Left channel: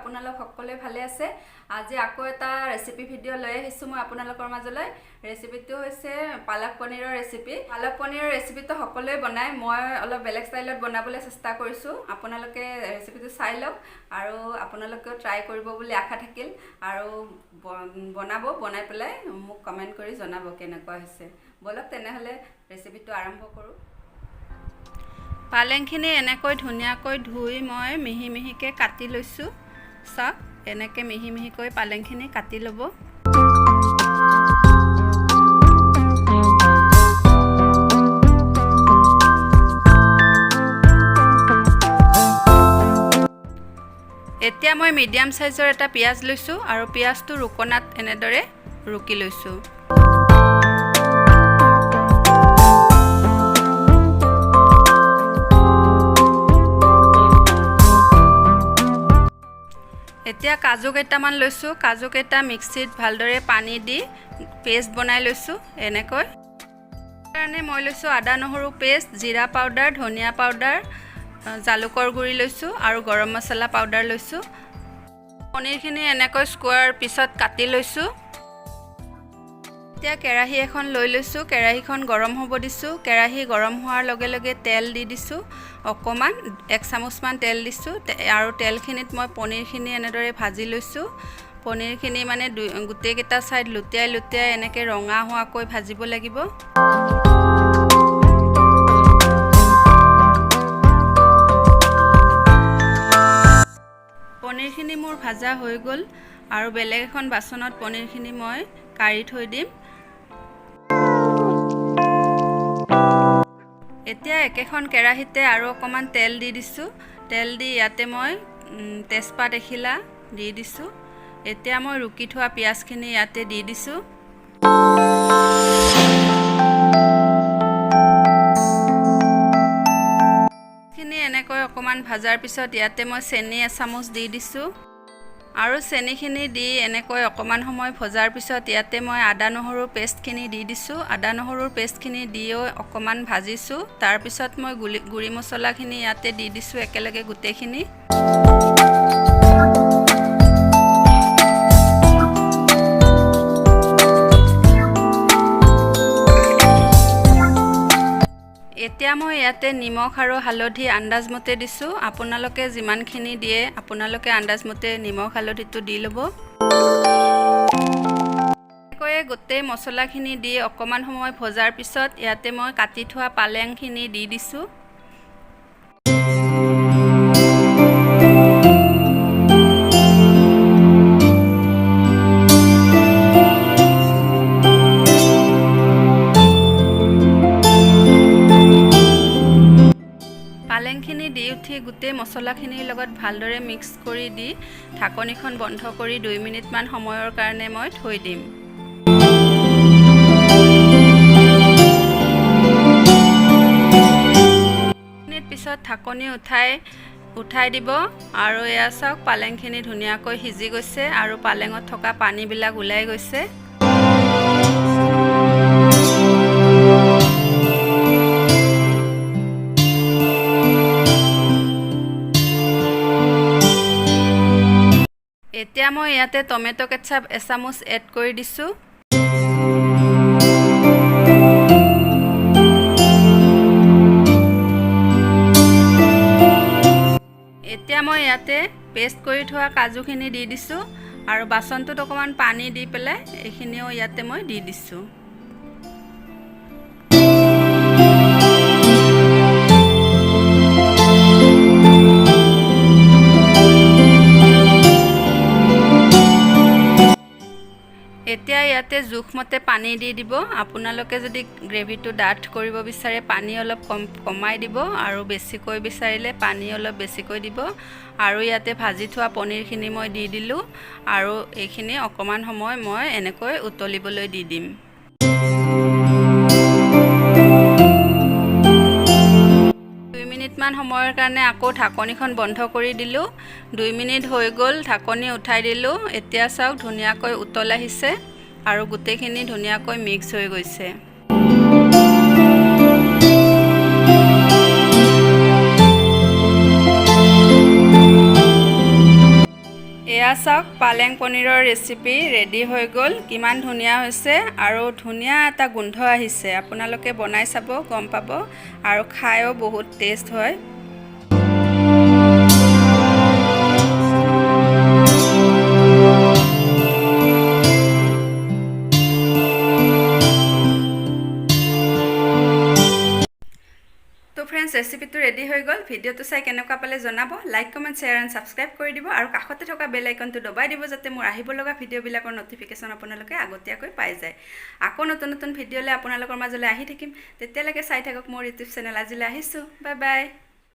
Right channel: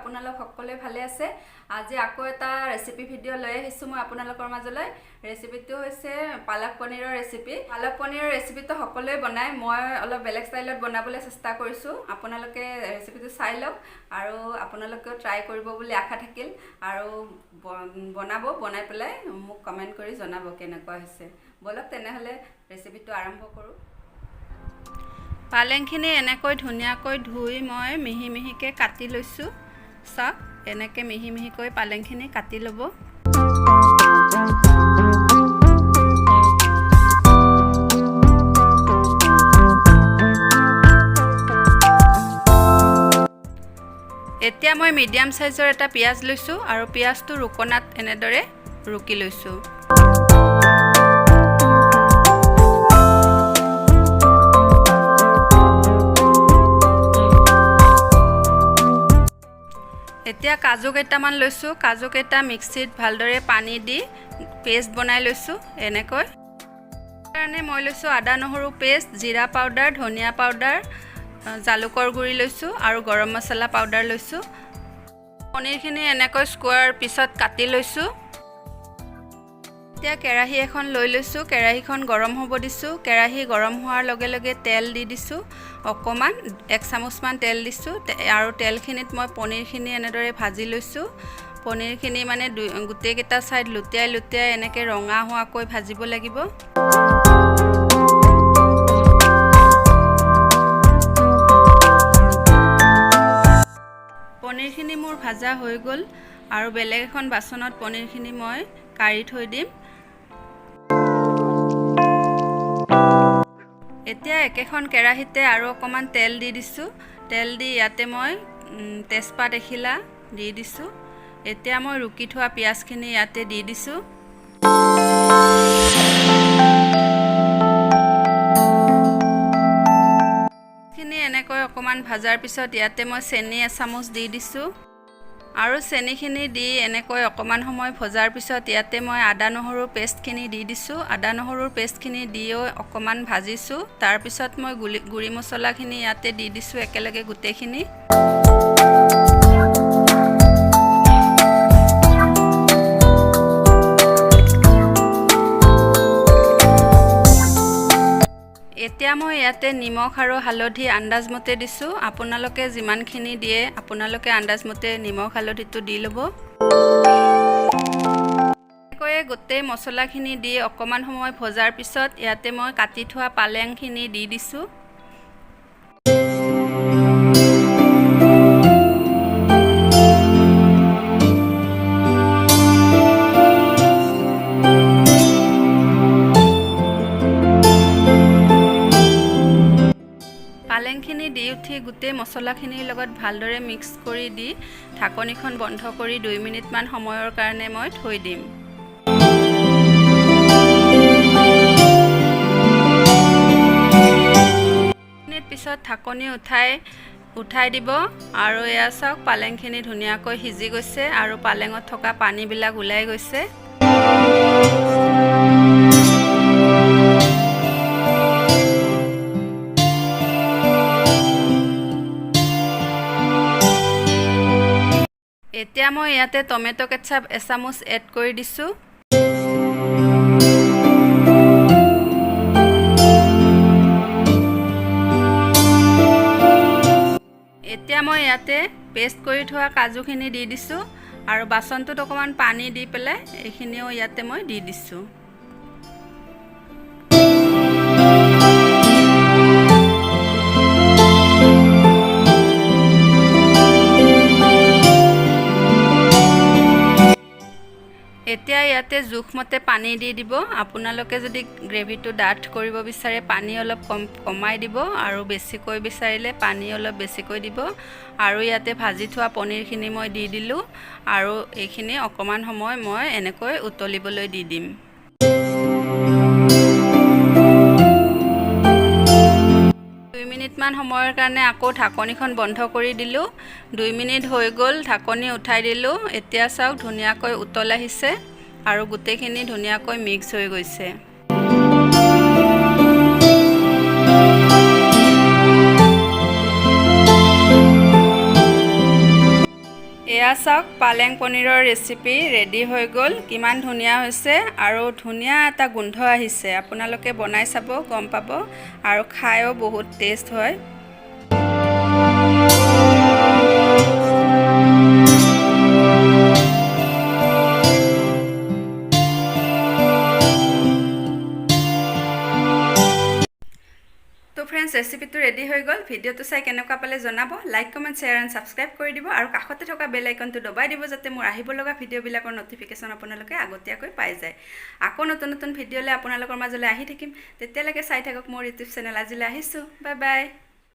আপোনালোক সকলোৱে ভালে আছে। আজি আকৌ এটা ৰেচিপি ভিডিঅ' লৈ আহিছোঁ মই আপোনালোকৰ মাজলৈ। ৰেচিপিটো হৈছে পালক পনীৰৰ ৰেচিপি। পালক পনীৰৰ ৰেচিপিটো সকলোৱে বনায়, মই অলপ বেলেগ ষ্টাইলত বনাবলৈ চেষ্টা কৰিছোঁ। আপোনালোকে ৰেচিপিটো চাই লওক আৰু আপোনালোকেও ট্ৰাই কৰিব বুলি আশা থাকিল আৰু বনাই পেলাই মোক কমেণ্ট কৰি জনাব কেনেকুৱা হৈছে। বলক তেনেহ'লে ৰেচিপিটো আৰম্ভ কৰোঁ। পালেংখিনি এনেকৈ ধুনীয়াকৈ ধুই মই মিহি মিহিকৈ কাটি লৈছোঁ। চাওক, এনেকৈ মিহি মিহিকৈ পালেংখিনি কাটি ল'ব। এতিয়া মই মিডিয়াম সাইজৰ এটা পিঁয়াজ লৈছোঁ আৰু পিঁয়াজটো ৰুকনাত এনেদৰে ৰুকি লৈছোঁ। এতিয়া কাজু কেইটামান লৈছোঁ, কাজু কেইটা মিক্সিত ভালদৰে পানী দি পেষ্ট বনাই লৈছোঁ। এনেকৈ কাৰণে মই লৈছোঁ আদা নহৰু পেষ্ট, জিৰা পাউডাৰ, ধনিয়া পাউডাৰ, জালুকৰ গুড়ি লৈছোঁ আৰু গৰম মছলা পাউডাৰ লৈছোঁ। পনীৰখিনি এনেকৈ স্কোৱাৰ পিছত কাটি লৈছোঁ। এতিয়া কেৰাহী এখন লৈ লৈছোঁ, কেৰাহীখন গৰম হ'ব দিছোঁ। কেৰাহী গৰম হোৱাৰ লগে লগে তেল দি দিছোঁ, অকণমান 1 চামুচমান তেল দিছোঁ আৰু তেলখিনিত মই পনীৰখিনি এনেদৰে ভাজি লৈছোঁ। পনীৰখিনি মানে গোটেইকেইটা ছাইড লুটিয়াই এনেকৈ ৰঙা হোৱাকৈ ভাজিব লাগিব। পনীৰখিনি মোৰ ভাজা হৈ গ'ল আৰু বেলেগ এখন বাচনত পনীৰখিনি মই কাঢ়ি থৈ দিম। এতিয়া একেখন কেৰাহীতে আৰু অকণমান তেল দি দিছোঁ। তেল দি ইয়াতে মই তেজপাত এখিলা দি দিছোঁ। এতিয়া মই ৰুকি থোৱা পিঁয়াজখিনি ইয়াতে দি দিছোঁ। খিনি এনেকৈ অকণমান ভাজাৰ পিছত ইয়াতে মই চেনি এচামুচ দি দিছোঁ আৰু চেনিখিনি দি এনেকৈ অকণমান সময় ভজাৰ পিছত ইয়াতে মই আদা নহৰুৰ পেষ্টখিনি দি দিছোঁ। আদা নহৰুৰ পেষ্টখিনি দিও অকণমান ভাজিছোঁ। তাৰপিছত মই গুড়ি মছলাখিনি ইয়াতে দি দিছোঁ একেলগে গোটেইখিনি। এতিয়া মই ইয়াতে নিমখ আৰু হালধি আন্দাজমতে দিছোঁ। আপোনালোকে যিমানখিনি দিয়ে আপোনালোকে আন্দাজমতে নিমখ হালধিটো দি ল'ব। এনেকৈয়ে গোটেই মছলাখিনি দি অকণমান সময় ভজাৰ পিছত ইয়াতে মই কাটি থোৱা পালেংখিনি দি দিছোঁ। পালেংখিনি দি উঠি গোটেই মছলাখিনিৰ লগত ভালদৰে মিক্স কৰি দি ঢাকনিখন বন্ধ কৰি 2 মিনিটমান সময়ৰ কাৰণে মই থৈ দিম। মিনিট পিছত ঢাকনি উঠাই দিব আৰু এয়া চাওক, পালেংখিনি ধুনীয়াকৈ সিজি গৈছে আৰু পালেঙত থকা পানীবিলাক ওলাই গৈছে। এতিয়া মই ইয়াতে টমেটো কেচাপ এচামুচ এড কৰি দিছোঁ। এতিয়া মই ইয়াতে পেষ্ট কৰি থোৱা কাজুখিনি দি দিছোঁ আৰু বাচনটোত অকণমান পানী দি পেলাই এইখিনিও ইয়াতে মই দি দিছোঁ। এতিয়া ইয়াতে জোখমতে পানী দি দিব। আপোনালোকে যদি গ্ৰেভিটো ডাঠ কৰিব বিচাৰে পানী অলপ কমাই দিব আৰু বেছিকৈ বিচাৰিলে পানী অলপ বেছিকৈ দিব। আৰু ইয়াতে ভাজি থোৱা পনীৰখিনি মই দি দিলোঁ আৰু এইখিনি অকণমান সময় মই এনেকৈ উতলিবলৈ দি দিম। মিনিটমান সময়ৰ কাৰণে আকৌ ঢাকনিখন বন্ধ কৰি দিলোঁ। 2 মিনিট হৈ গ'ল, ঢাকনি উঠাই দিলোঁ। এতিয়া চাওক ধুনীয়াকৈ উতল আহিছে আৰু গোটেইখিনি ধুনীয়াকৈ মিক্স হৈ গৈছে। এয়া চাওক পালেং পনীৰৰ ৰেচিপি ৰেডি হৈ গ'ল কিমান ধুনীয়া হৈছে আৰু ধুনীয়া এটা গোন্ধ আহিছে আপোনালোকে বনাই চাব গম পাব আৰু খায়ও বহুত টেষ্ট হয় তো ফ্ৰেন্ডছ ৰেচিপিটো ৰেডি হৈ গ'ল ভিডিঅ'টো চাই কেনেকুৱা পালে জনাব like comment share and subscribe কৰি দিব আৰু কাষতে থকা বেল আইকনটো দবাই দিব যাতে মোৰ আহিব লগা ভিডিঅ'বিলাকৰ ন'টিফিকেশ্যন আপোনালোকে আগতীয়াকৈ পাই যায় আকৌ নতুন নতুন ভিডিঅ'লৈ আপোনালোকৰ মাজলৈ আহি থাকিম তেতিয়ালৈকে চাই থাকক মোৰ ইউটিউব চেনেল আজিলৈ আহিছোঁ বাই বাই